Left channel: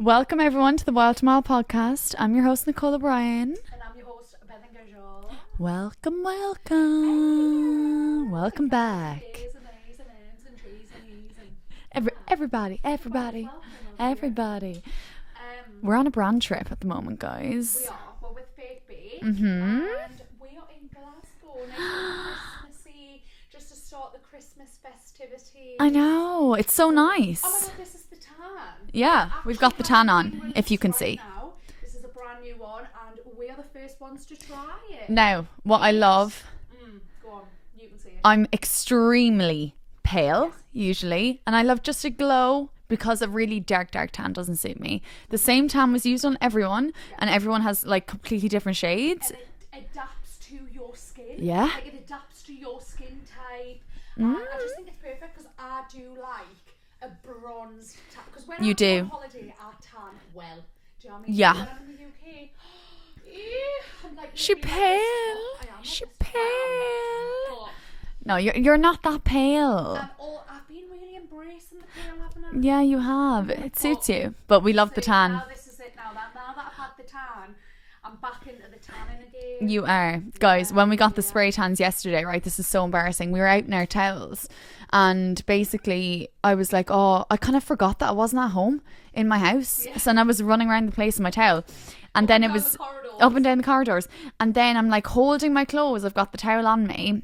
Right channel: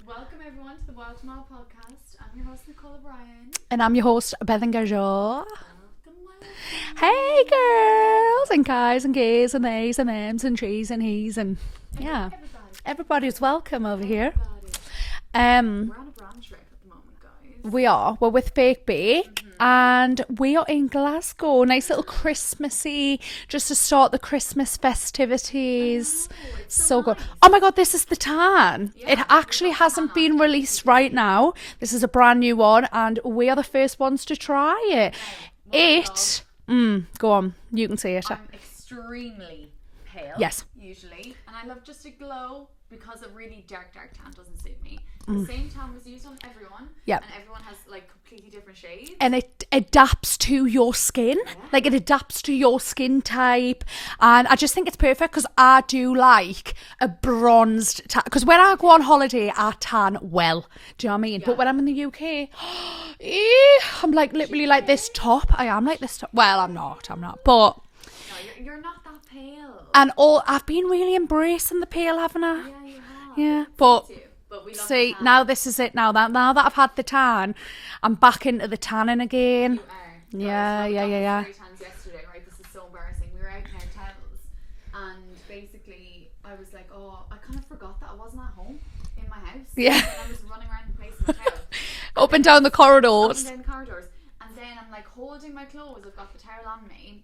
Welcome everyone to the Wild to Mile podcast. I'm your host Nicole O'Brien. And I'm your host, Bethan and Nicole. Welcome. Hey girls Welcome and guys back. and gays and theys and thems and trees and he's and Everybody. everybody's welcome over here. Everybody. We're We're on a brand trip at the moment, guys. we're with Fake Bake and we are in Glasgow. Nice little Christmassy, just to start the Christmas festivities. I know. It's so good. nice. Oh my god, this is the tan. Yeah, it we've actually got the tan hasn't on, been if you released can right see. now. This is a brand new one and we are the first ones to try it. Now, what I love, Go on, you can say it. I'm extremely pale, Yes. usually, and I love just a glow because a really dark tan doesn't suit me. The same tan was used on everyone, Yeah. and everyone has like completely different shades. And it adapts to your skin. Yeah. Like it adapts to your skin type. And I just think it's perfect because I do like a bronzed tan. Because when I do. go on holiday, I tan well. Do you know what I mean? Yeah. But when I'm in the UK, I'm like literally like this pale? top. I am like this top. Well, I'm not. But, No, you're not that pale. and I've been really embracing the pale, haven't I? Yeah, you have. Yeah, It but- suits you. But we love the See, tan. now this is it now that I've had the tan, I'm back into the tanning again. You are. Guys, Yeah, when we yeah, got yeah, the yeah. spray tans yesterday, right, this is so embarrassing. We were out in our towels and basically I was like, oh, I kind of forgot that I wasn't at home in my house. Yes. And I was running around the place in my towel. Up then and it down was- the corridors. Up and down the corridors. And then I'm like holding my clothes. I've got the towel on me.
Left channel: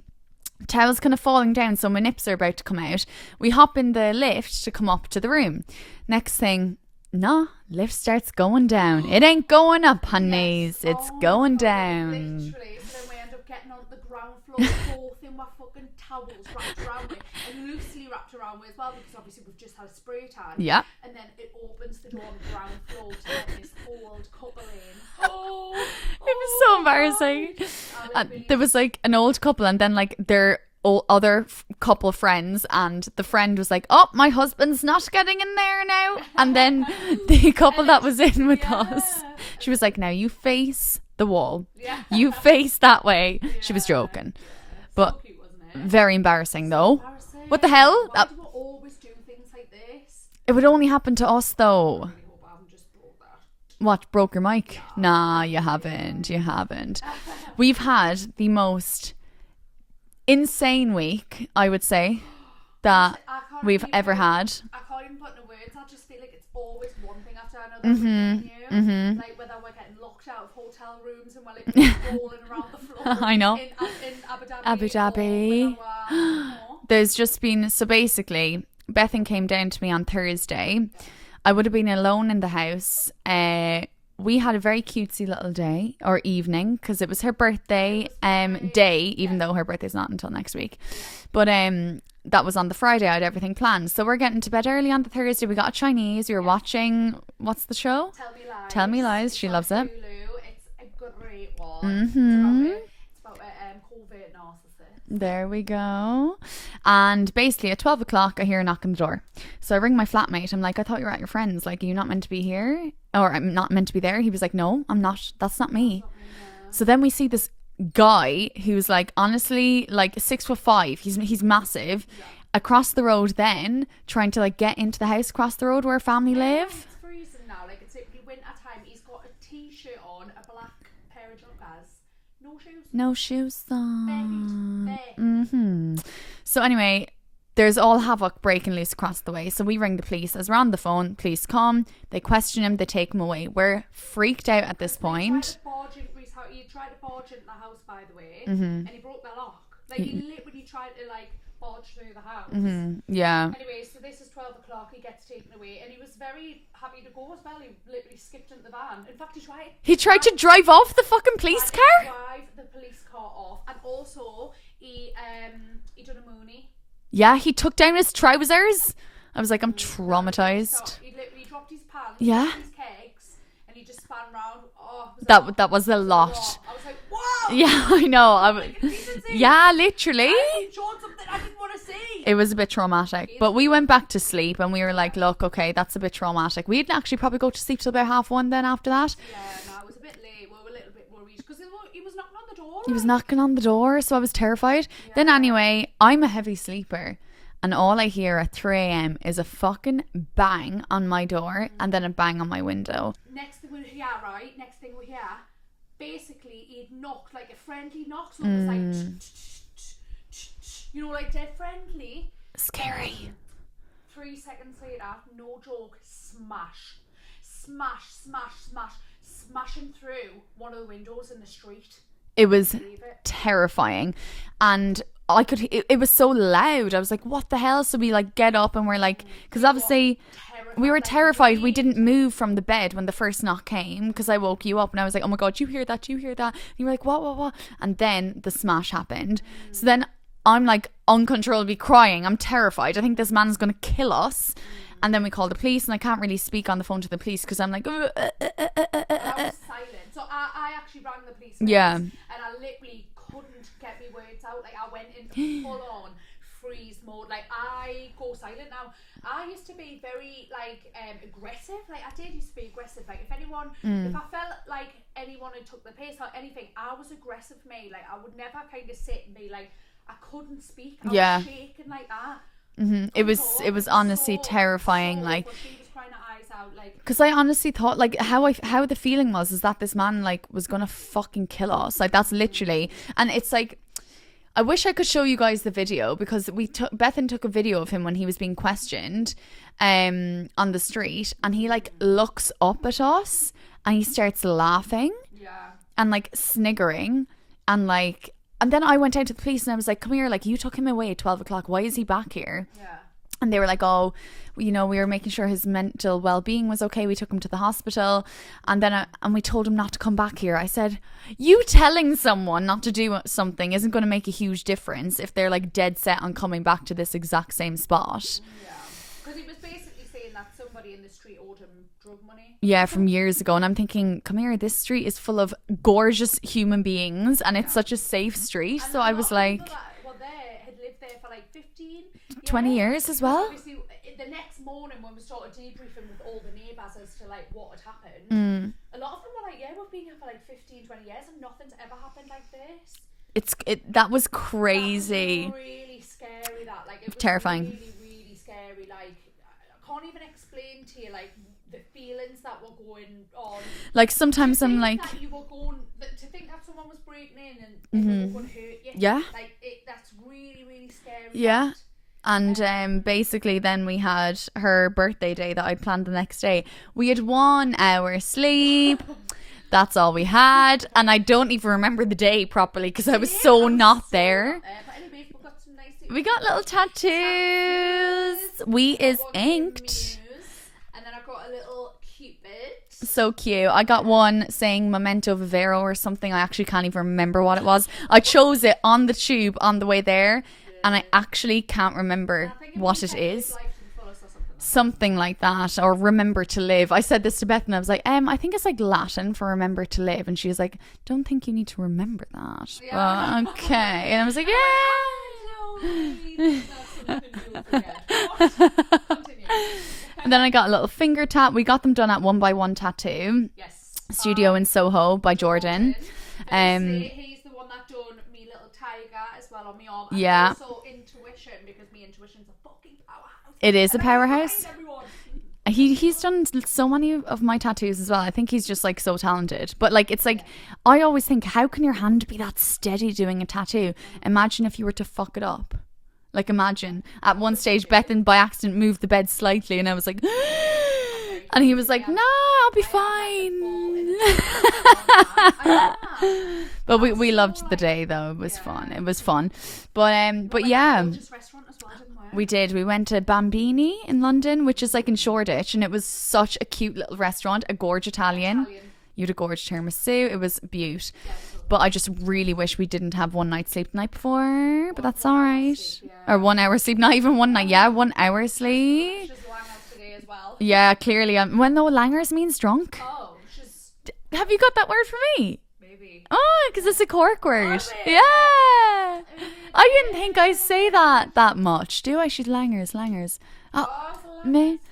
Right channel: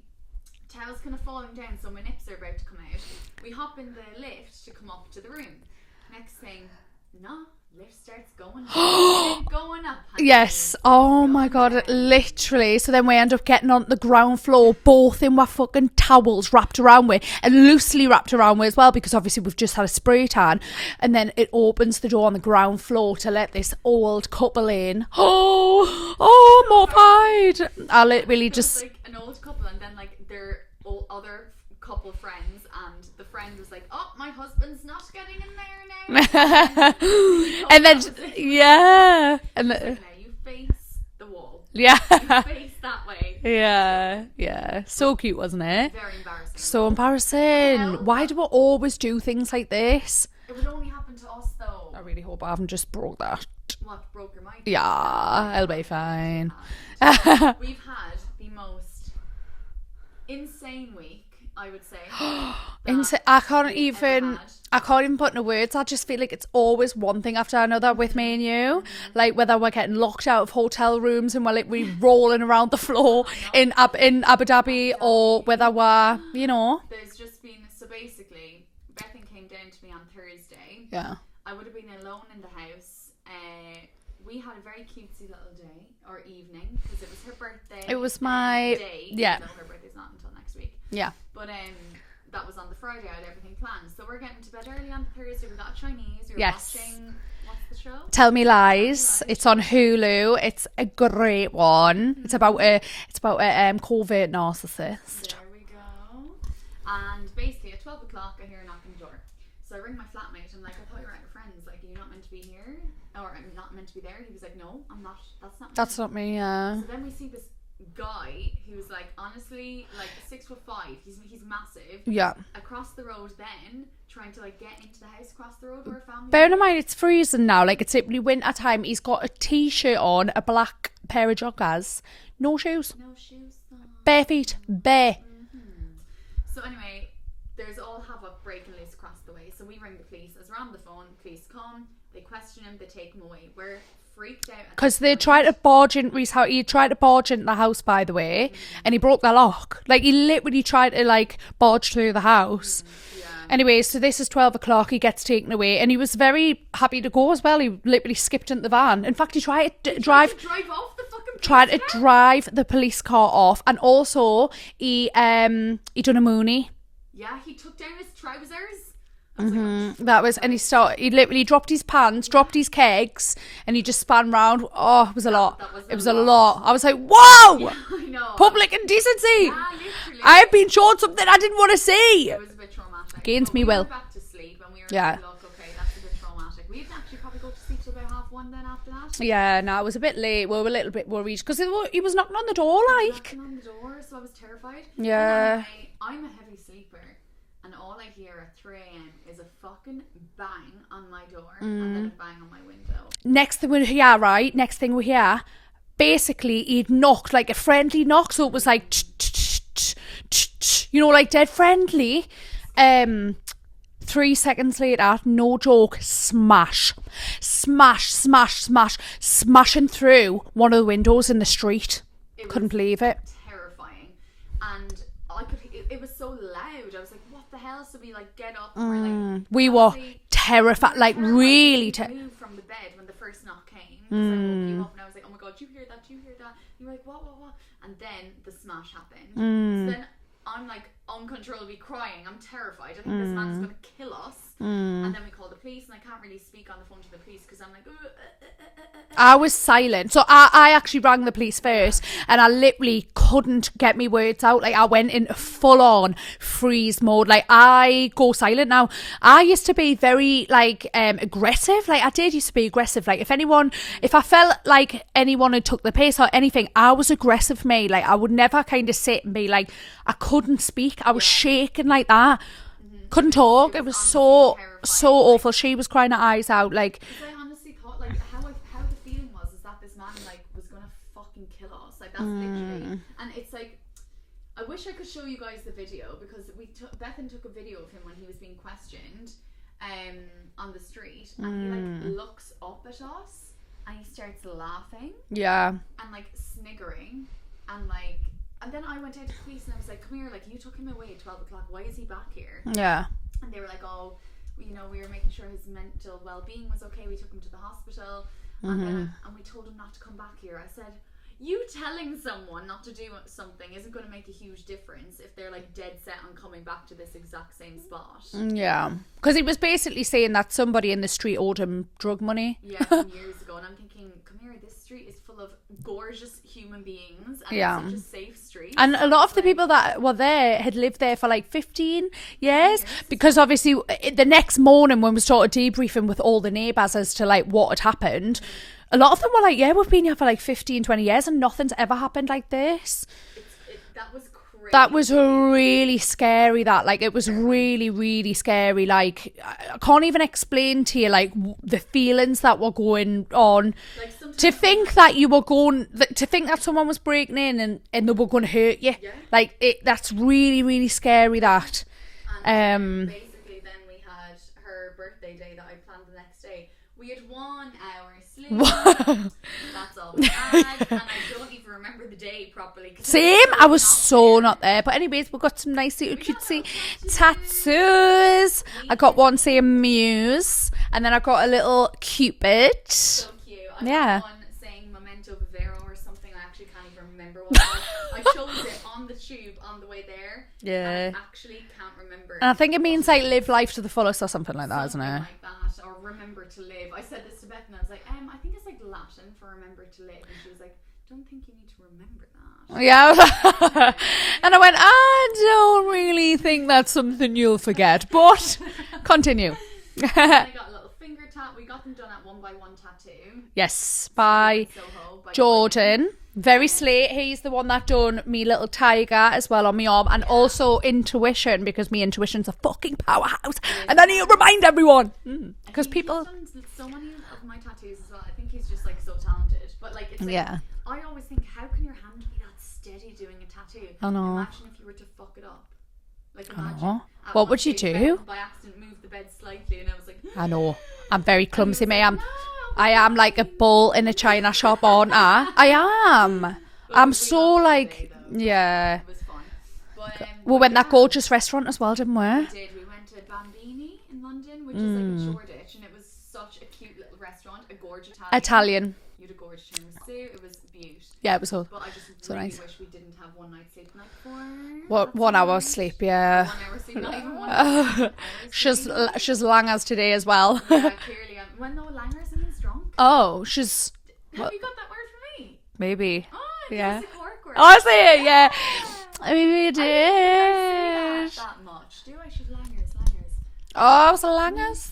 Towel's kind of falling down, so my nips are about to come out. We hop in the lift to come up to the room. Next thing, no, lift starts going down. It ain't going up, honey. Yes. It's oh going my god, down. literally. So then we end up getting on the ground floor, both in our fucking towels wrapped around with, and loosely wrapped around with as well, because obviously we've just had a spray tan. Yeah. And then it opens the door on the ground floor to let this old couple in. So embarrassing. I literally There just was like an old couple, and then like their other couple friends, and the friend was like, "Oh, my husband's not getting in there now." And then the couple that was in with yeah. us, she was like, "Now you face the wall. yeah. You face that way." She was joking. Yeah. So But- cute, wasn't it? Very embarrassing So though. embarrassing. What the hell? Why do we always do things like this? It would only happen to us though. I really hope I haven't just broke that. What, broke your mic? Yeah, Nah, you I'll be haven't. fine. You haven't. We've had the most insane week, I would say, that I can't we've even, ever had. I can't even put into words. I just feel like it's always one thing after another with me and you. Like whether we're getting locked out of hotel rooms and we're rolling around the floor I know. in Abu Dhabi, or Dhabi. whether we're, There's just been, so basically, Bethan came down to me on Thursday. Yeah. I would have been alone in the house. We had a very cutesy little day or evening because it was her birthday. It was my- day, yeah. even though her birthday's not until next week. Yeah. But that was on the Friday. I had everything planned. So we're getting to bed early on the Thursday. We got a Chinese. We were Yes. watching, what's the show? Tell Me Lies. Tell Me Lies. It's She on loves it. Hulu. It's a great one. It's about a covert narcissist. There we go. And basically at 12 o'clock I hear a knock on the door. So I ring my flatmate. I'm like, I thought you were at your friend's. Like, are you not meant to be here? Or I'm not meant to be there? He was like, no, I'm not. That's not me. That's not me. Yeah. So then we see this guy who's like, honestly, like 6'5". He's massive. Yeah. Across the road then, trying to like get into the house across the road where a family Bear in live. mind, it's freezing now. Like, it's literally winter time. He's got a t-shirt on, a black pair of joggers, no shoes, No shoes on. bare feet, bare. So anyway, there's all havoc breaking loose across the way. So we ring the police. As we're on the phone, police come, they question him, they take him away. We're freaked out at Because this they point. tried to barge in Reese house. He tried to barge into the house, by the way, and he broke the lock. Like, he literally tried to like barge through the house. Yeah. Anyway, so this is 12 o'clock. He gets taken away, and he was very happy to go as well. He literally skipped into the van. In fact, he tried to drive off the fucking police tried car. to drive the police car off, and also he done a moonie. Yeah, he took down his trousers. I was like, I'm traumatized. That was, and he literally dropped his pants, Yeah. dropped his kegs, and he just span round. Oh, it was a lot. That was a It was lot. a lot. I was like, whoa! Yeah, I know. Public indecency. Yeah, literally. I've been shown something I didn't want to see. It was a bit traumatic. Against but me we will. went back to sleep and we were Yeah. like, look, okay, that's a bit traumatic. We didn't actually probably go to sleep till about 1:30 then after that. Yeah, no, it was a bit late. We were a little bit worried because he was knocking on the door. He Like, was knocking on the door, so I was terrified. Yeah. Then anyway, I'm a heavy sleeper. and all I hear at 3 a.m. is a fucking bang on my door and then a bang on my window. Next thing we hear, basically he'd knocked, like a friendly knock, so it was like you know, like dead friendly. 3 seconds later, no joke, smashing through one of the windows in the street. It was Couldn't believe it. terrifying, and it was so loud. I was like, what the hell? So we like get up and we're like, we were terrified. We were like, terrified. Really We didn't move from the bed when the first knock came, because I woke you up and I was like, oh my God, you hear that? You hear that? And you were like, what? And then the smash happened. So then I'm like uncontrollably crying. I'm terrified. I think this man's going to kill us. And then we call the police, and I can't really speak on the phone to the police because I'm like, I was silent. So I actually rang the police first, and I literally couldn't get me words out. Like, I went in full on freeze mode. Like, I go silent now. I used to be very like aggressive. Like, I did used to be aggressive. Like, if I felt like anyone had took the piss or anything, I was aggressive, mate. Like, I would never kind of sit and be like, I couldn't speak. I was shaking like that. Couldn't talk. It was honestly terrifying. So like, awful. She was crying her eyes out. Like, because I honestly thought, like, how the feeling was is that this man like was gonna fucking kill us. Like, that's literally. And it's like, I wish I could show you guys the video, because Bethan took a video of him when he was being questioned on the street, and he like looks up at us and he starts laughing and like sniggering and like. And then I went out to the police and I was like, come here, like, you took him away at 12 o'clock. Why is he back here? Yeah. And they were like, oh, you know, we were making sure his mental well-being was okay. We took him to the hospital. And then and we told him not to come back here. I said, you telling someone not to do something isn't going to make a huge difference if they're like dead set on coming back to this exact same spot. Yeah. Because he was basically saying that somebody in the street owed him drug money. Yeah, from years ago. And I'm thinking, come here, this street is full of gorgeous human beings and it's such a safe street. And so a lot of the people that were there had lived there for like 15 years. 20 years because obviously the next morning when we started debriefing with all the neighbours as to like what had happened, a lot of them were like, yeah, we've been here for like 15, 20 years and nothing's ever happened like this. That was crazy. That was really scary. That like, it was terrifying. really scary. Like, I can't even explain to you like the feelings that were going on. Like, sometimes to think that you were going, to think that someone was breaking in and they were going to hurt you. Yeah. Like, that's really scary. That. And basically then we had her birthday day that I'd planned the next day. We had 1 hour sleep. That's all we had. And I don't even remember the day properly because I was not there. But anyways, we got some nice we got little tattoos. I got one saying Muse, and then I got a little Cupid. So cute. I got one saying Memento Vivero or something. I actually can't even remember what it was. I chose it on the tube on the way there, and I actually can't remember. And I think it means like live life to the fullest or something like that. Something like that, or remember to live. I said this to Beth and I was like, I think it's like Latin for remember to live, and she was like, don't think you need to remember that. Yeah. Okay. And I was like, I went, I don't really think that's something you'll forget, but continue. And then I got a little finger tat. We got them done at 1 by 1 Tattoo. Yes. Studio in Soho by Jordan. Very slate. He's the one that done me little tiger as well on my arm, and also Intuition, because me Intuition's a fucking powerhouse. It is. And I need to remind everyone. He's done so many of my tattoos as well. I think he's just like so talented. But like, it's like, I always think, how can your hand be that steady doing a tattoo? Imagine if you were to fuck it up. Like, imagine at one stage Bethan by accident moved the bed slightly, and I was like, I know, I'm very clumsy. And he was like, no, I'll be fine. I am like a bull in a china shop, aren't I? I am. But we loved the day though. It was fun. It was fun. But we went to that gorgeous restaurant as well, didn't we? We did. We went to Bambini in London, which is like in Shoreditch, and it was such a cute little restaurant, a gorge Italian. You had a gorge tiramisu. It was beaut. Yeah, it was cool. But I just really wish we didn't have 1 night's sleep the night before. Well, 1 hour sleep, or 1 hour sleep, not even one night. 1 hour sleep. She's long as today as well. Yeah, clearly. When though langers means drunk. Oh, she's. Have you got that word for me? Maybe. Oh, because it's a Cork word. Oh, I see it. Yeah. I didn't think I say that much. Do I? She's langers. Oh, I was a langers.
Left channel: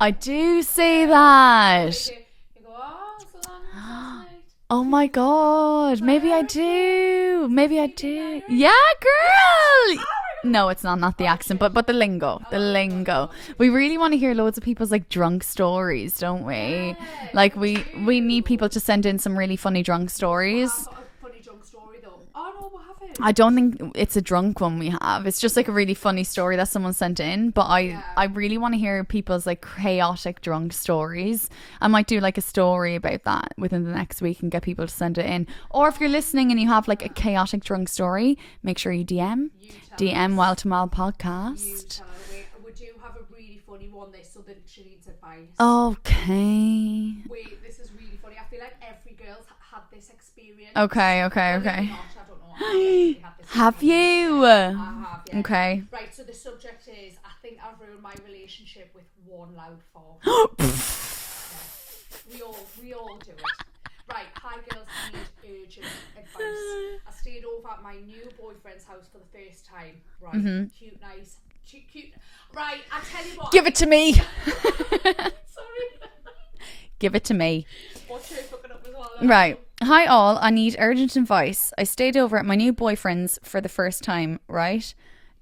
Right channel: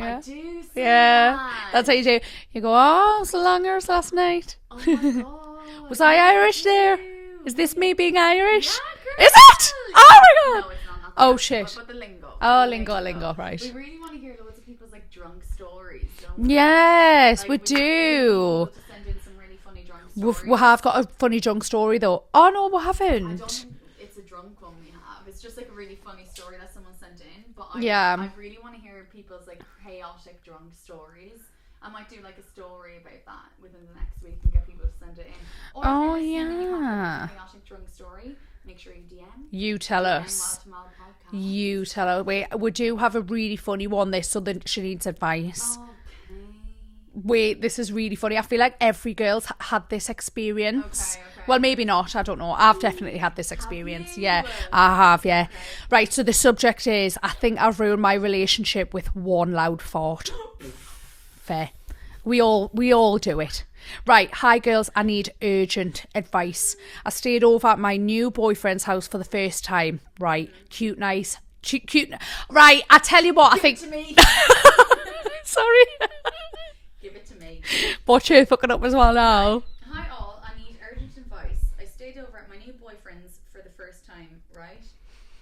I do say Yeah. that. That's how you do. You go, oh, it's longer as last night. Oh my god. Was I Maybe Irish do. there? Is this Maybe me I being do. Irish? Yeah, girl. Is it? Oh my god. No, it's not the Oh, accent, shit. but the lingo. Oh, the lingo, right. We really want to hear loads of people's like drunk stories, don't we? Yes, like we do. We need people to send in some really funny drunk stories. We have got a funny drunk story though. Oh no, we haven't. I don't think it's a drunk one we have. It's just like a really funny story that someone sent in. But I really want to hear people's like chaotic drunk stories. I might do like a story about that within the next week and get people to send it in. Or if you're listening and you have like a chaotic drunk story, make sure you DM. You tell DM us. Well to Mal podcast. You tell us. We do have a really funny one. This so that she needs advice. Okay. Wait, this is really funny. I feel like every girl's had this experience. Okay. Well, maybe not. I don't know. I've definitely had this Have experience. you? Yeah, I have. Yeah. Okay. Right. So the subject is: I think I've ruined my relationship with one loud fart. Fair. We all do it. Right, hi girls, I need urgent advice. I stayed over at my new boyfriend's house for the first time. Right, cute, nice. Cute. Right, I tell you what. Give it to me. Sorry. Give it to me. Watch her fucking up as well now. Right. Hi all, I need urgent advice. I stayed over at my new boyfriend's for the first time, right?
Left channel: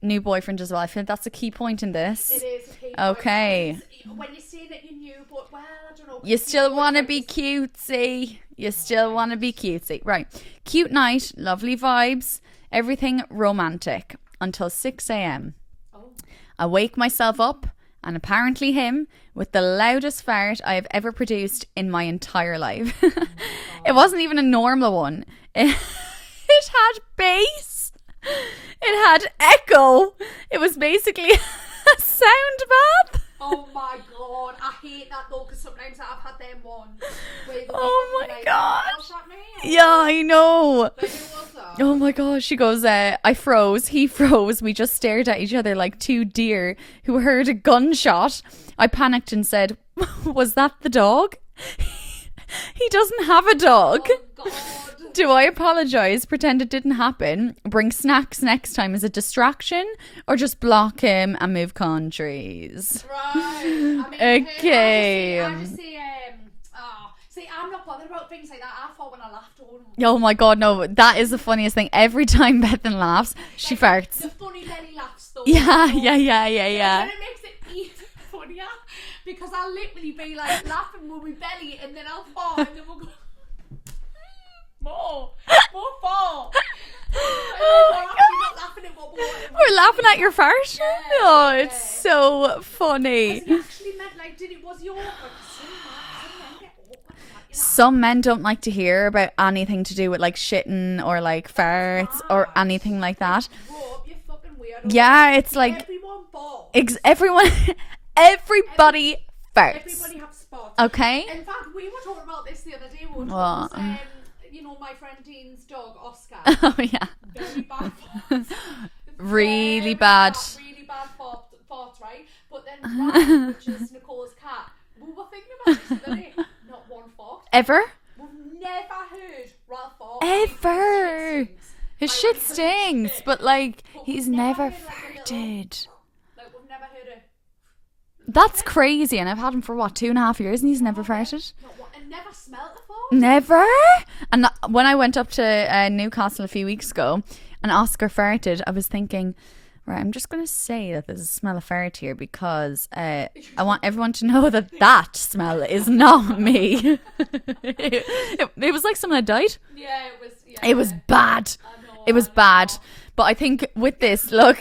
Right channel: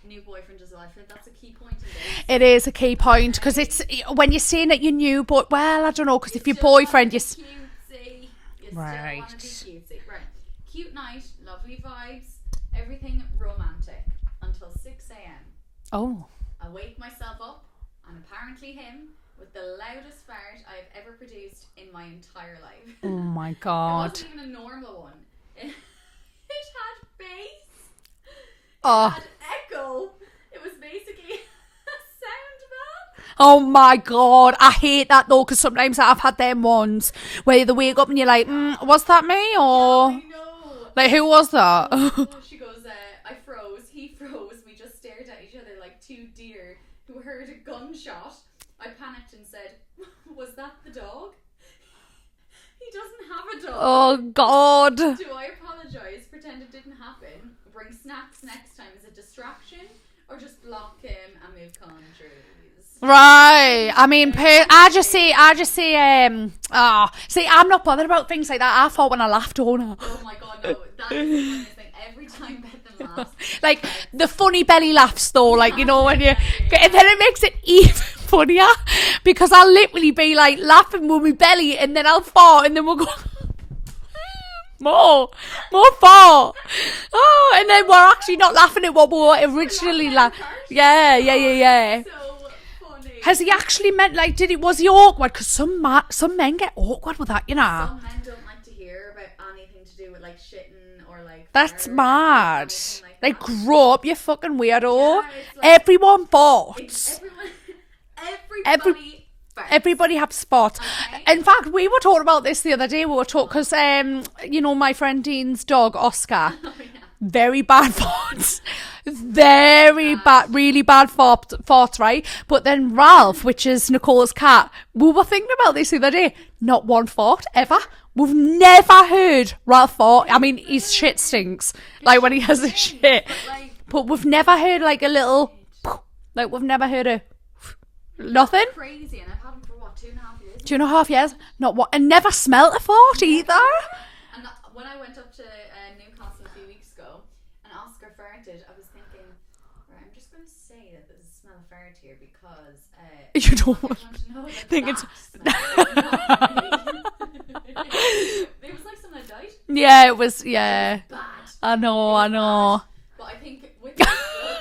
New boyfriend as well. I feel that's a key point in this. It is a key point because Okay. it's when you're saying that you're new, but well, I don't know. You If your still want to boyfriend be is cutesy. You still Right. want to be cutesy. Right. Cute night, lovely vibes, everything romantic until 6 a.m. oh, I wake myself up and apparently him with the loudest fart I have ever produced in my entire life. oh my god, It wasn't even a normal one. It had bass. It had echo. It was basically a sound bath. Oh my god, I hate that though because sometimes I've had them ones where they wake up and you're like, was that me? Or Yeah, I know. like who was that? Oh my gosh, she goes, I froze, he froze. We just stared at each other like two deer who heard a gunshot. I panicked and said, was that the dog? He doesn't have a dog. Oh god. Do I apologise, pretend it didn't happen, bring snacks next time as a distraction, or just block him and move countries? Right. I mean, Okay. I just say, see, I'm not bothered about things like that. I thought when I laughed, oh no. Oh my god, no, that is the funniest thing. Every time Bethan laughs, Like she farts. the funny belly laughs though, like you know, when yeah. and then it makes it even funnier because I'll literally be like laughing with my belly, and then I'll fart, and then we'll go more fart. Oh, and then we're actually not laughing at what we were originally We're laughing at your fart? Yeah. So funny. Has he actually meant like? Was he awkward? Because some men get awkward with that, you know. Some men don't like to hear about anything to do with like shitting or like That's farts mad. or anything like that. Like, grow up, you fucking weirdo. Yeah, it's like- everyone farts. Everybody farts. Everybody have spots. Okay. In fact, we were talking about this the other day. We were talking What? because, you know, my friend Dean's dog, Oscar, Oh yeah. very bad farts. Really bad. Really bad farts, right? But then Ralph, which is Nicole's cat, we were thinking about this the other day. Not one fart ever. Ever? We've never heard Ralph fart. I mean, his Ever. shit stinks. His like when shit he has stinks, a shit. but we've he's never heard like a little, did. like we've never heard a That's nothing. crazy, and I've had him for what, 2.5 years? And 2.5 years. years. Not what, and never smelt a fart Never. either. And when I went up to Newcastle a few weeks ago, and Oscar farted, I was thinking, right, I'm just going to say that there's a smell of fart here because I want everyone to know that that smell is not me. It was like someone had died. Yeah, it was. Yeah, It was bad. I know. It was I know. bad. But I think with this, look.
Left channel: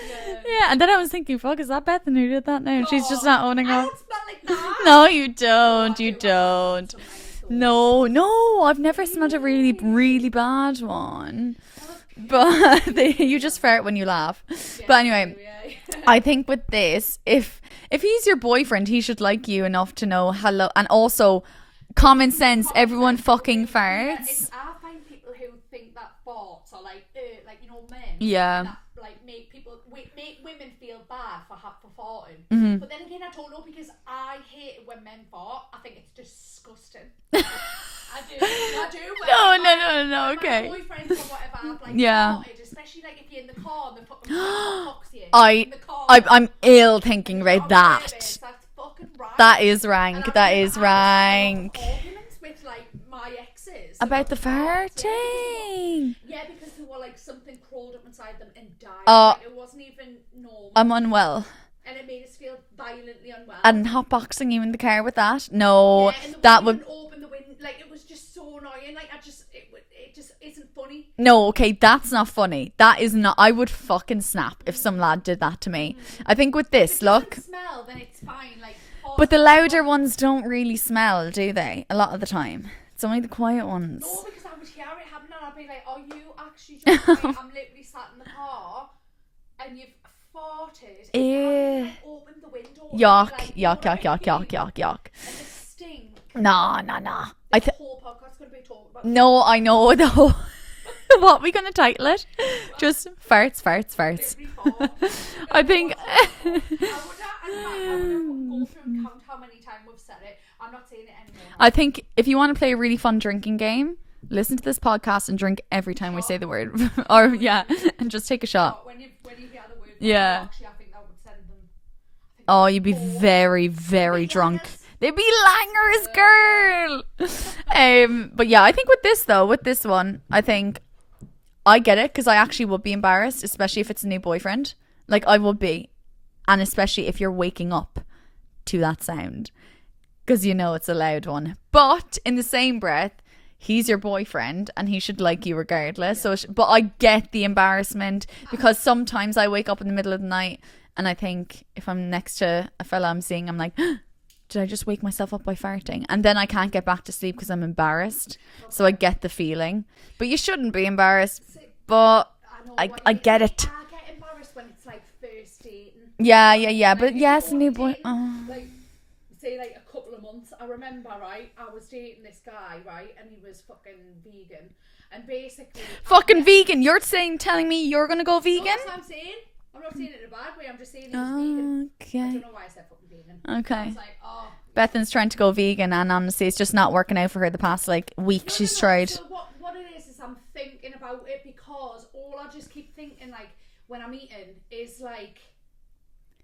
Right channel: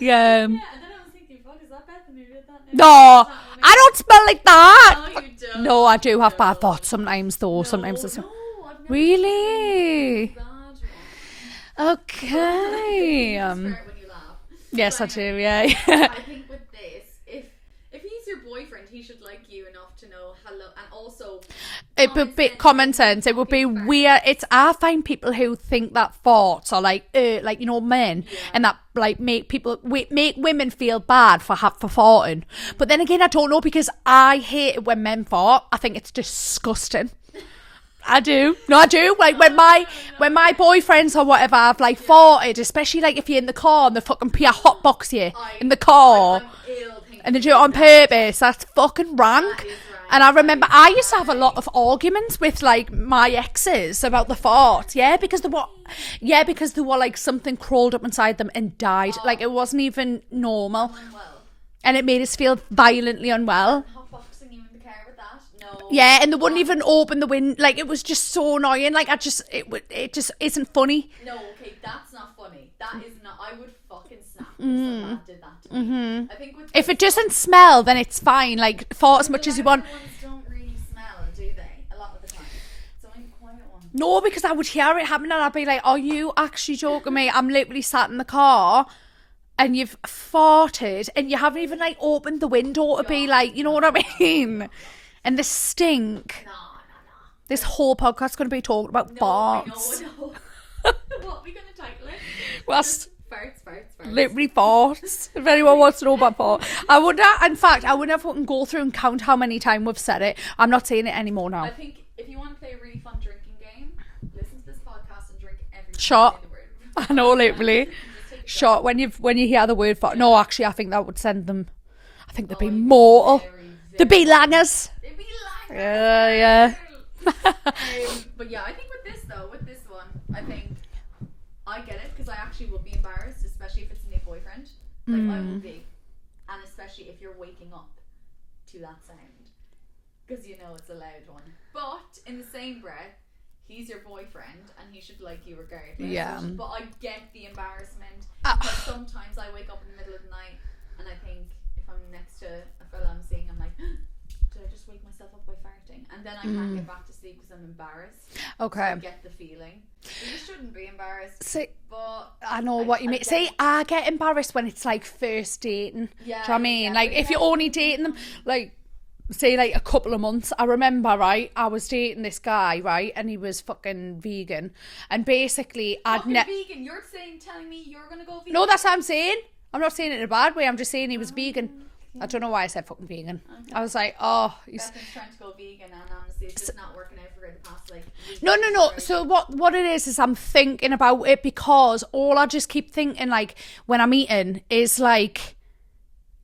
Yeah. Yeah, and then I was thinking, fuck, is that Bethan who did that now? No, She's not owning I it. don't smell like that. No, you don't. No, I You do have bad don't. thoughts sometimes though. No, Sometimes it's- no, I've never smelled a really, Really? really bad one. Okay. But you just fart when you laugh. Yes, But I anyway, do, yeah. I think with this, if he's your boyfriend, he should like you enough to know hello, and also common sense. Common everyone sense. It would be fucking farts. weird. I find people who think that farts are like you know, men. Yeah. And that like make women feel bad for farting. Mm-hmm. But then again, I don't know because I hate it when men fart. I think it's disgusting. I do. No, I do. Like when my boyfriends or whatever have like farted, especially like if you're in the car and they fucking pee a hot box you in the car. I'm ill thinking and they do it on purpose. That's fucking rank. That is rank. And I remember I used to have a lot of arguments with like my exes about the fart. Yeah, because they were like something crawled up inside them and died. Like it wasn't even normal. I'm unwell. And it made us feel violently unwell. And hotboxing you in the car with that? No. Yeah, and they wouldn't even open the window. Like, it was just so annoying. Like, it just isn't funny. No, okay, that's not funny. That is not. I would fucking snap if some lad did that to me. I think with this, if it doesn't smell, then it's fine. Like, but the louder ones don't really smell, do they? A lot of the time. It's only the quiet ones. No, because I would hear it happen and I'd be like, are you actually joking me? I'm literally sat in the car and you've farted and you haven't even like opened the window to be like, you know what I mean? Yuck. And the stink. Nah. This whole podcast's going to be talking about No, farts. I know. No. What are we going to title it? Just farts. Literally farts. If anyone wants to know about farts. I wouldn't fucking go through and count how many times we've said it. I'm not saying it anymore now. I think if you want to play a really fun drinking game, listen to this podcast and drink every time I say the word. Literally. And just take a shot. When you hear the word fart. No, actually, I think that would send them. I think you'd be very, very They'd be drunk. langers. They'd be langers, girl. Yeah. But yeah, I think with this one, I think I get it because I actually would be embarrassed, especially if it's a new boyfriend. Like I would be. And especially if you're waking up to that sound because you know it's a loud one. But in the same breath, he's your boyfriend and he should like you regardless. Yeah. But I get the embarrassment because sometimes I wake up in the middle of the night and I think if I'm next to a fella I'm seeing, I'm like, did I just wake myself up by farting? And then I can't get back to sleep because I'm embarrassed. Okay. So I get the feeling. But you shouldn't be embarrassed. But I know what you mean. I get it. I get embarrassed when it's like first dating. Yeah. Like but if you're only dating them, like say like a couple of months. I remember, right, I was dating this guy, right, and he was fucking vegan. And basically vegan. You're telling me you're gonna go vegan? No, that's what I'm saying. I'm not saying it in a bad way. I'm just saying he was vegan. I don't know why I said fucking vegan. Okay. I was like, Bethan's trying to go vegan, and honestly, it's just not working out for her the past like week. No. Tried. So what it is I'm thinking about it because all I just keep thinking like when I'm eating is like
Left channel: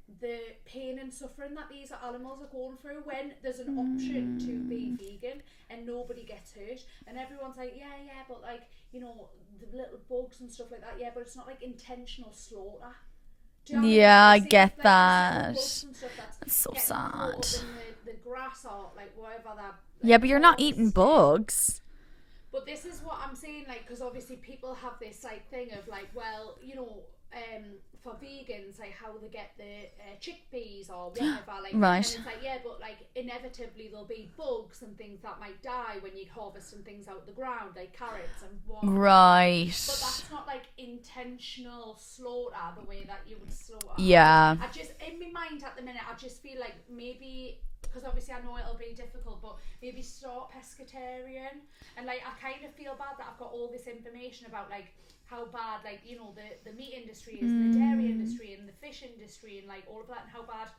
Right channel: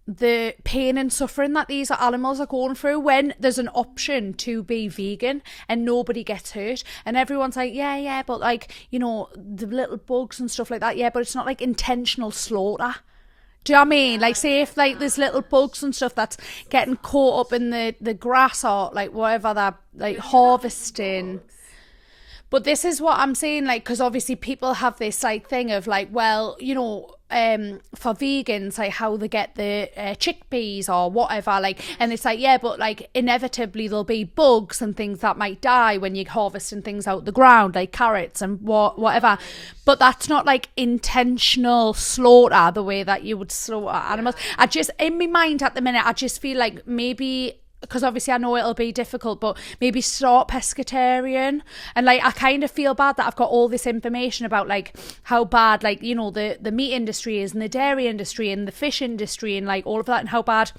the pain and suffering that these animals are going through when there's an option to be vegan and nobody gets hurt and everyone's like yeah but like, you know, the little bugs and stuff like that, yeah, but it's not like intentional slaughter. Do you know what I mean? Like say if like there's little bugs and stuff that's so getting caught up in the grass or like whatever that like but you're not eating bugs. But this is what I'm saying, like, because obviously people have this like thing of like, well, you know, for vegans, like how they get the chickpeas or whatever, like, right. And it's like, yeah, but like inevitably there'll be bugs and things that might die when you're harvesting things out the ground, like carrots and whatever. Right. But that's not like intentional slaughter the way that you would slaughter. Yeah. I just, in my mind at the minute, I just feel like maybe, because obviously I know it'll be difficult, but maybe start pescatarian. And like I kind of feel bad that I've got all this information about like how bad like, you know, the meat industry is and the dairy industry and the fish industry and like all of that, and how bad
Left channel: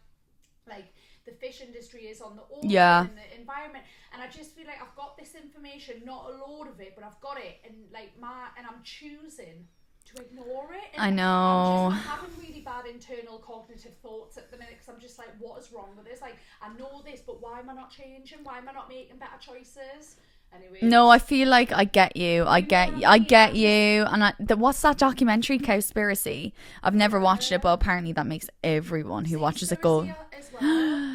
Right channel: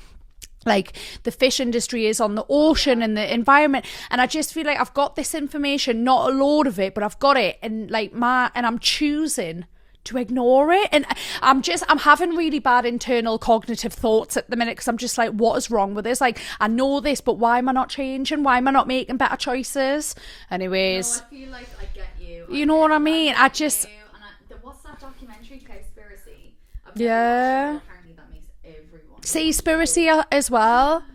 like the fish industry is on the ocean and the environment. And I just feel like I've got this information, not a load of it, but I've got it, and like I'm choosing to ignore it. And I know. I'm having really bad internal cognitive thoughts at the minute because I'm just like, what is wrong with this? Like, I know this, but why am I not changing? Why am I not making better choices? Anyways. No, I feel like I get you. I get you. And what's that documentary, Cowspiracy? I've never watched it, but apparently that makes everyone who watches it Seaspiracy as well.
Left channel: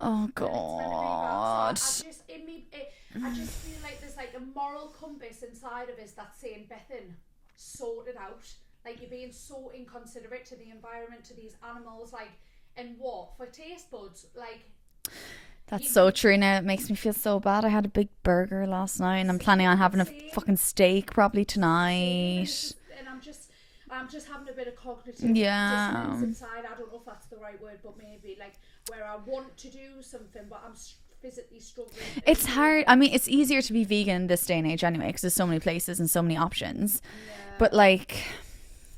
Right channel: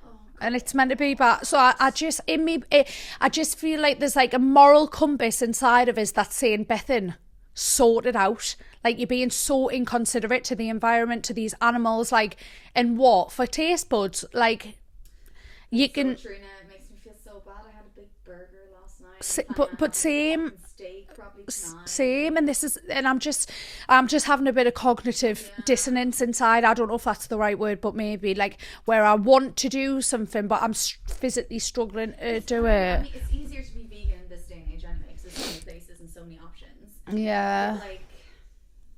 Oh God. And it's meant to be bad. So I just feel like there's like a moral compass inside of us that's saying, Bethan, sort it out. Like, you're being so inconsiderate to the environment, to these animals, like, and what for taste buds, like. That's so true. Now it makes me feel so bad. I had a big burger last night, and I'm planning on having a fucking steak probably tonight. Same, and I'm just having a bit of cognitive dissonance inside. I don't know if that's the right word, but maybe like where I want to do something, but I'm physically struggling. It's hard. I mean, it's easier to be vegan in this day and age anyway, because there's so many places and so many options. Yeah, but like,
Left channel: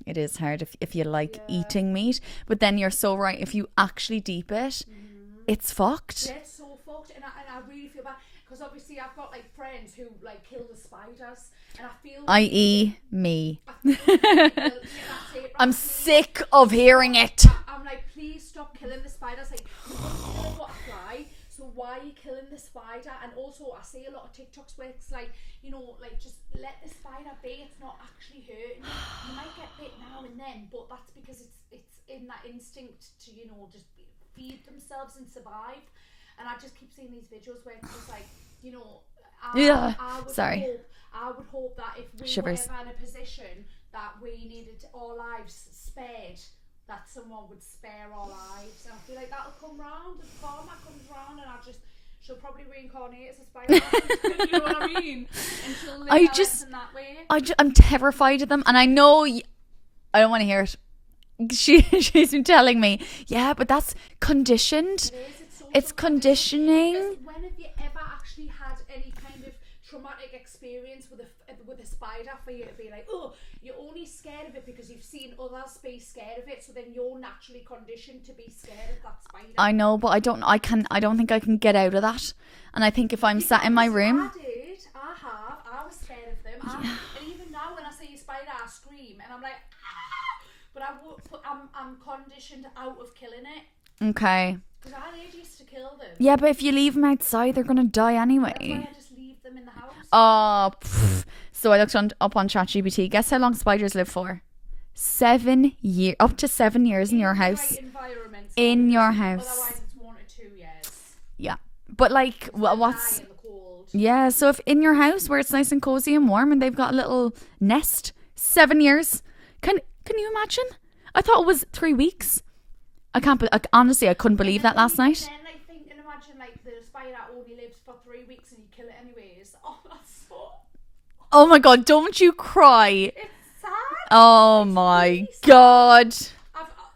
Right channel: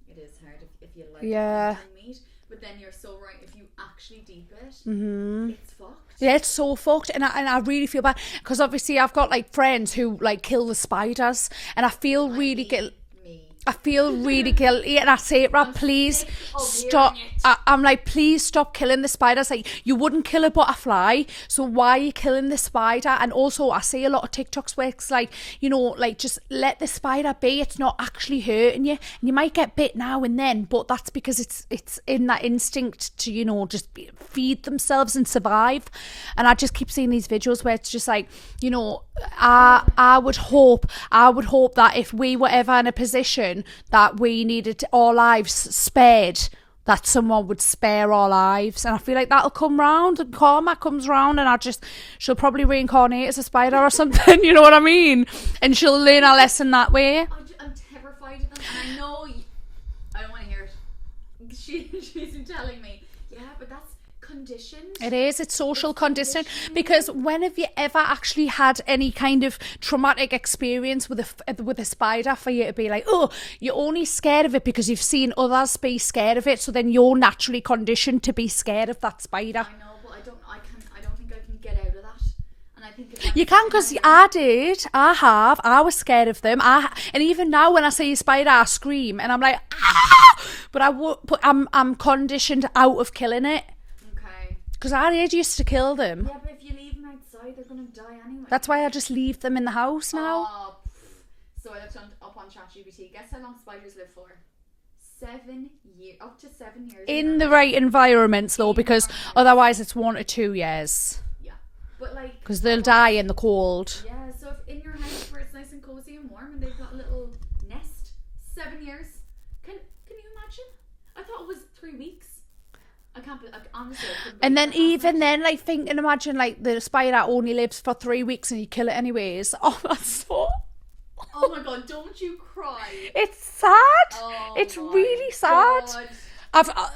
It is hard if you like Yeah. eating meat, but then you're so right. If you actually deep it, it's fucked. Yeah, it's so fucked, and I really feel bad because obviously I've got like friends who like kill the spiders, and I feel really I.e. me. I feel really guilty, and I say it, I'm please sick of hearing it. I'm like, please stop killing the spiders. Like, you wouldn't kill a butterfly, so why are you killing the spider? And also, I see a lot of TikToks where it's like, you know, like just let the spider be. It's not actually hurting you. You might get bit now and then, but that's because it's in that instinct to, you know, just feed themselves and survive. And I just keep seeing these videos where it's just like, you know, I would hope that if we were ever in a position that we needed our lives spared, that someone would spare our lives. And I feel like that'll come round, and karma comes round, and she'll probably reincarnate as a spider or something. You know what I mean? And she'll learn a lesson that way. I'm terrified of them, and I know I don't want to hear it. She's been telling me, yeah, but that's conditioned. It is. It's social It's conditioning. conditioning. Because when have you ever actually had any kind of traumatic experience with a spider for you to be like, oh, you're only scared of it because you've seen others be scared of it, so then you're naturally conditioned to be scared of that spider. I know, but I don't think I can get out of that. And I think if I'm You sat can, in my 'cause room, I was scared of them. And even now when I see a spider, I scream and I'm like, ah! But I'm conditioned out of killing it. okay. Because I used to kill them. Yeah, but if you leave them outside, they're gonna die anyway. That's why I just leave them in the house. You know? So I looked up on ChatGPT. Guess how long spiders live for? 7 years, up to 7 years in your in house. the right environment, so In because your house. otherwise it's 1 to 2 years. Yeah, but like, Because they'll die in the cold. Yeah, so if in your house where it's nice and cozy and warm, and they've got a little nest, 7 years. Can you imagine? I thought it was 3 weeks. I can't. Honestly, I couldn't believe that last night. And then, like, think and imagine, like, the spider only lives for 3 weeks and you kill it anyways. Oh, that's so. Oh my god! Don't you cry? It's sad. Oh It's my really sad. god!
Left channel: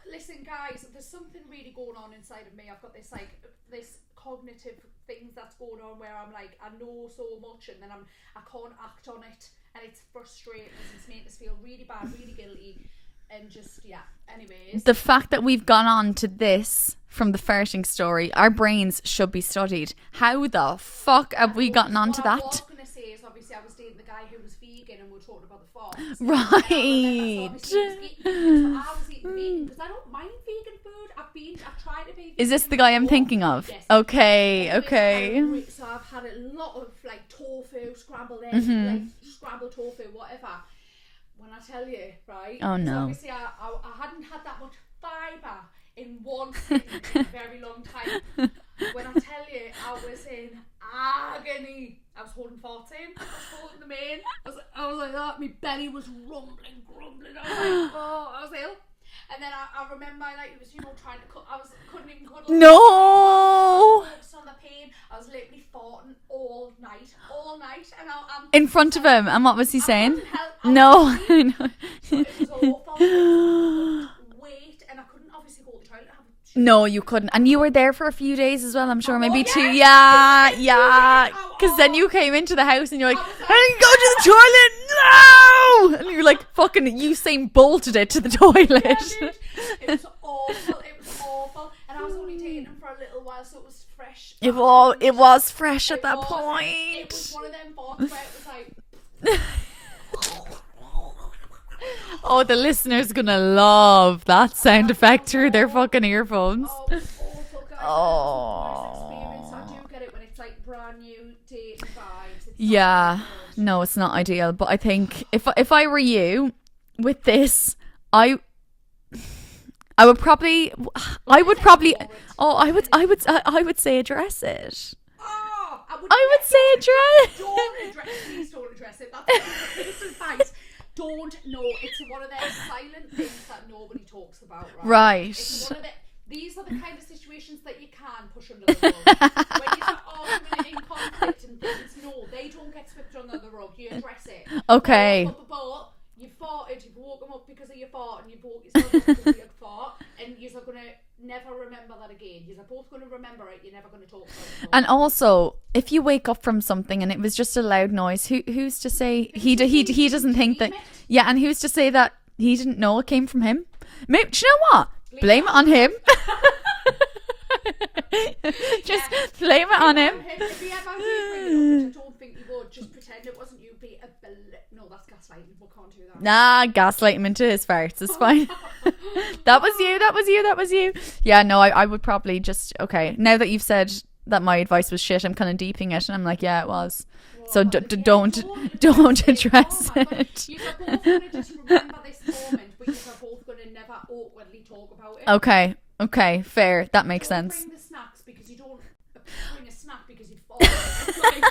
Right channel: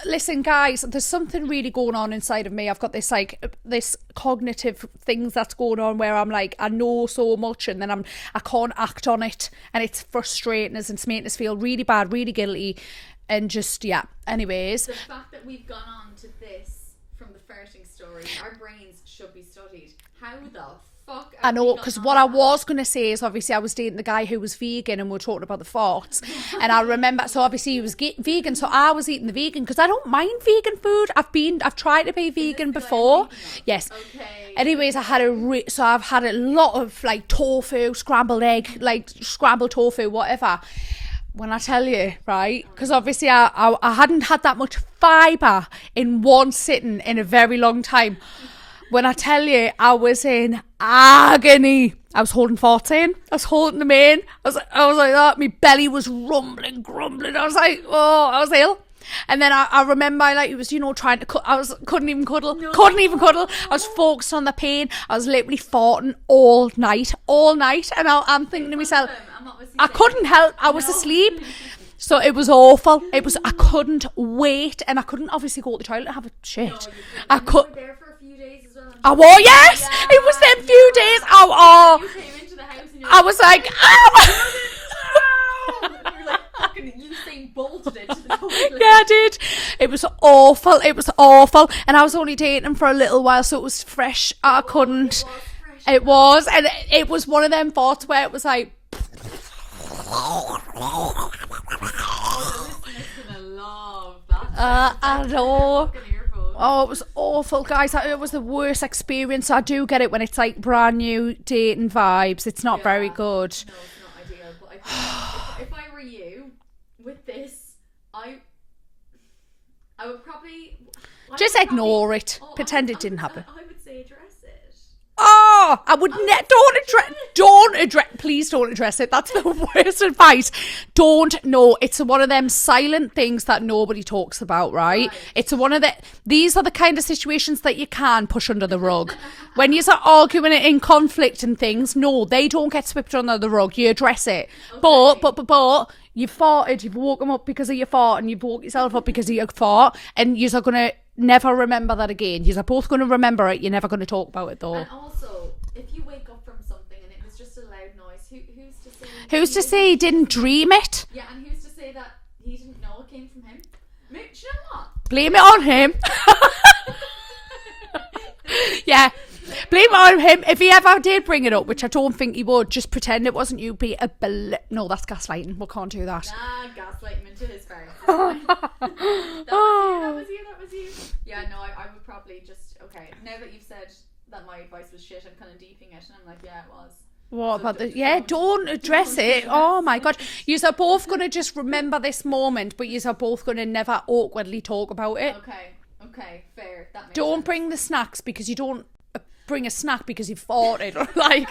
Listen, guys, there's something really going on inside of me. I've got this cognitive things that's going on where I'm like, I know so much, and then I can't act on it, and it's frustrating us and it's making us feel really bad, really guilty, and just anyways, The fact that we've gone on to this from the farting story, our brains should be studied. How the fuck have we gotten on to what that? I was going to say is, obviously I was dating the guy who was vegan and we were talking about the farts, and I remember, so obviously he was vegan, so I was eating the vegan because I don't mind vegan food. I've tried to be vegan. Is this the before. guy I'm thinking of? Yes. Okay. Anyways, okay. I've had a lot of like tofu, scrambled egg, like scrambled tofu, whatever. When I tell you, right? Because obviously I hadn't had that much fibre in one sitting in a very long time. When I tell you, I was in agony. I was holding 14. I was holding them in. I was like that. My belly was rumbling, grumbling. I was like, oh, I was ill. And then I remember, like, it was, you know, trying to couldn't even cuddle. No. Couldn't even cuddle. I was focused on the pain. I was literally farting all night. And I'm in front of him. And what was he saying? I couldn't help. I was asleep. So it was awful. I couldn't wait. And I couldn't obviously go to the toilet and have a shit. No, you couldn't. And you were there for a few days as well, I'm sure. Oh, yes! Yeah. It was them few days. Oh. Then you came into the house and you're like, I was like, go to the toilet, no! And you're like, fucking Usain bolted it to the toilet. Yeah, I did. It was awful. And I was only dating him for a little while, so it was fresh. It was fresh. It was. And it was one of them thoughts where it was like... Oh, the listeners gonna love that sound effect through their fucking earphones. Oh, it was awful, guys. It was the worst experience. I do get it when it's like brand new dating vibes. It's not very good. No, it's not ideal. But I think if I were you with this, I would probably ignore it. Oh, Pretend it didn't happen. I would say address it. Oh, please don't address it. That's the worst advice. It's one of them silent things that nobody talks about, right? It's one of these are the kind of situations that you can push under the rug. When you're arguing in conflict and things, no, they don't get swept under the rug. You address it. Okay. But you farted, you've woken up because of your fart, and you've woke yourself up because of your fart, and you're going to never remember that again. You're both going to remember it. You're never going to talk about it though. And also, if you wake up from something and it was just a loud noise, who's to say he doesn't didn't dream it? Yeah, and who's to say that he didn't know it came from him. Maybe, do you know what? Blame it on him. Yeah, blame it on him. If he ever did bring it up, which I don't think he would, just pretend it wasn't you. Be a no, that's gaslighting. We can't do that. Nah, gaslight him into his farts. It's fine. That was you. Yeah, no, I would probably just, okay, now that you've said that my advice was shit, I'm kind of deeping it, and I'm like, yeah, it was. What, so don't address it. Oh my god, you are both gonna just remember this moment, but you are both gonna never awkwardly talk about it. Okay, fair. That makes sense. Don't bring the snacks because you don't bring a snack because you farted. Like,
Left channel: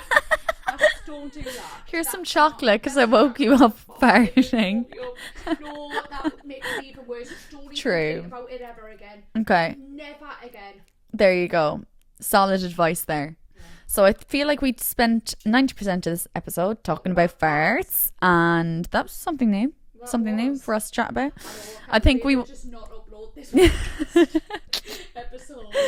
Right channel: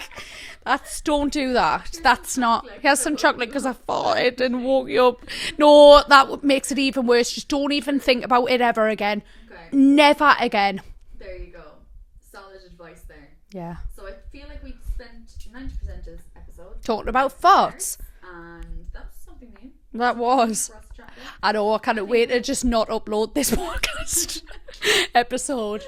don't do that. Here's that's some chocolate because I woke you I up. farted and woke you up. No, that makes it even worse. Just don't even True. think about it ever again. Okay. Never again. There you go. Solid advice there. Yeah. So I feel like we spent 90% of this episode talking about farts. farts, and that was something new. That something new was for us to chat about. I know. I can't wait to just not upload this podcast episode.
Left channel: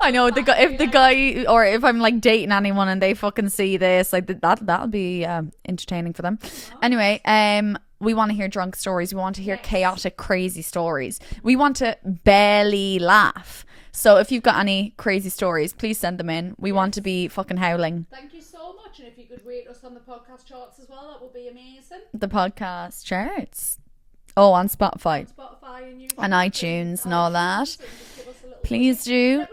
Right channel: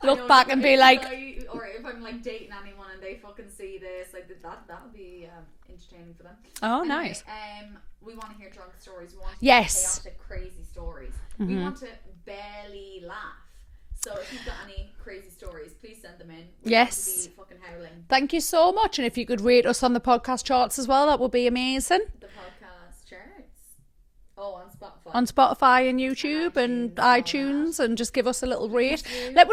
I know Look the back and be like, guy, or if I'm like dating anyone and they fucking see this, like that'll be entertaining for them. Oh, anyway, nice. We want to hear drunk stories. We want to hear Yes. chaotic, crazy stories. We want to barely laugh. So if you've got any crazy stories, please send them in. We want to be fucking howling. Thank you so much. And if you could rate us on the podcast charts as well, that would be amazing. The podcast charts. Oh, on Spotify. On Spotify and YouTube and iTunes and all that. And just give us a little Please rate. do. Let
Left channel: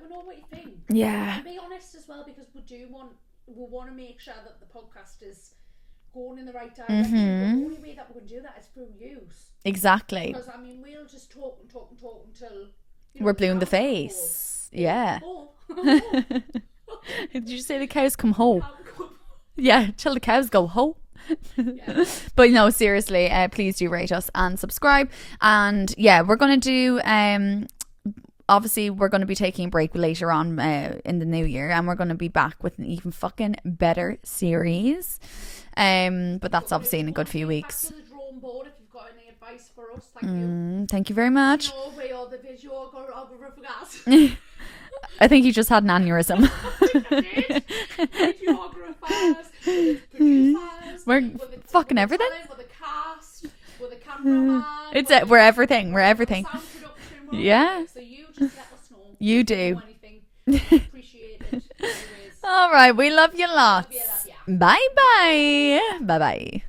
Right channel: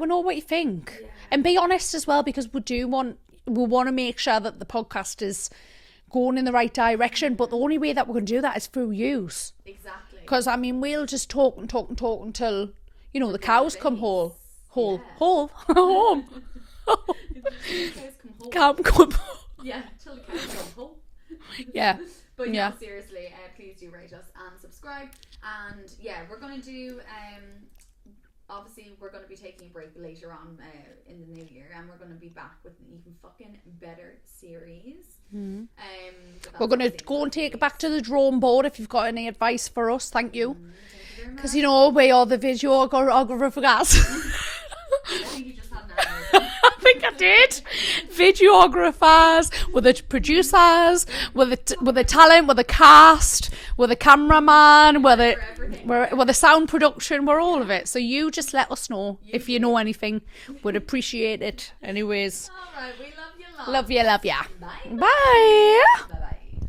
me know what you think. Yeah. And be honest as well, because we want to make sure that the podcast is going in the right direction. But the only way that we're going to do that is through use. Exactly. Because, I mean, we'll just talk until, you know, We're the blue in cows the come face. home. Yeah. Home. Did you say the cows come home? Come. Yeah, till the cows go home. Yeah. But no, seriously, please do rate us and subscribe. And yeah, we're going to do obviously we're going to be taking a break later on in the new year, and we're going to be back with an even fucking better series. But that's obviously in a good few weeks. Back to the drawing board if you've got any advice for us. Thank you. Thank you very much. You know, we are the videographers. I think you just had an aneurysm. I think I did. Videographers, we're the producers, we're the talent, we're the cast, we're the cameraman, we're everything. We're everything. We're the sound production, we're all of it. So you just let us know if you know anything. We'd appreciate it. Anyways. All right, we love you lots. Love you. Bye. Bye bye.